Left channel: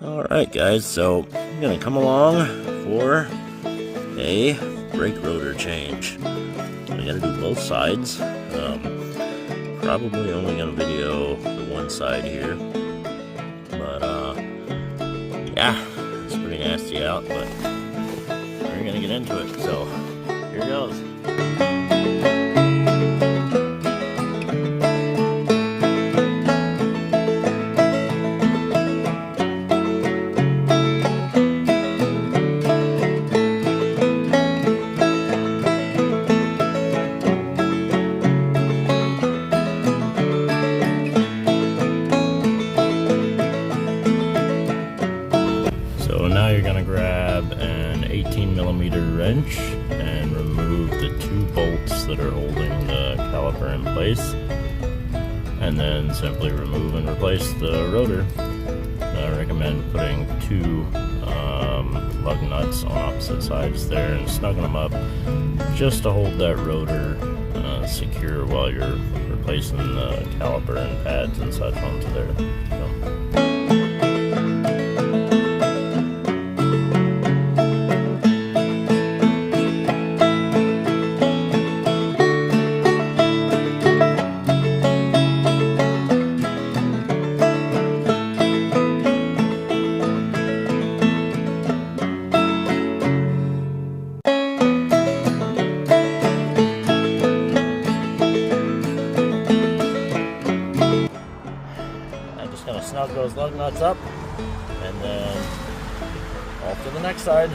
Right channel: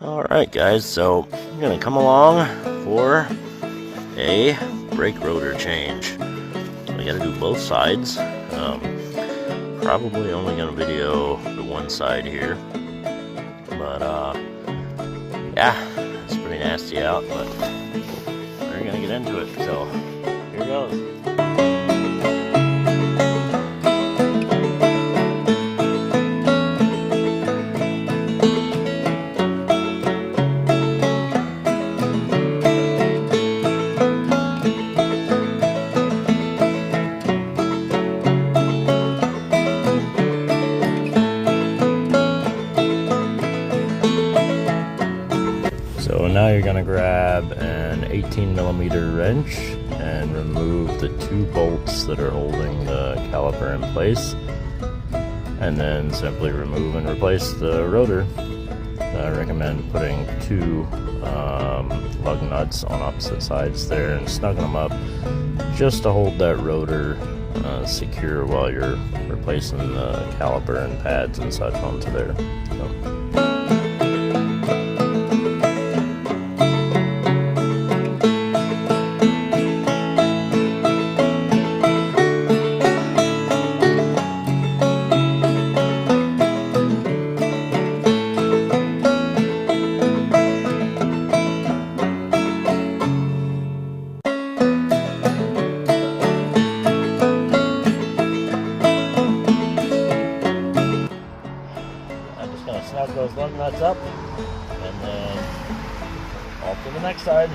Alright guys, so I'm going to come along for a brake rotor change. I got to do both sides. Probably only going to video the one side here. But yeah, it's pretty nasty out, but we're going to get into it. So here goes. So now you're going to grab an 18mm wrench and remove the 2 bolts that are holding the caliper in place, and then simply remove and replace the rotor. I recommend putting 2 lug nuts on opposite sides there and snugging them up just to hold that rotor secure while you're replacing the caliper and pads and such onto there. So. Snug those lug nuts up, and then off to the next side.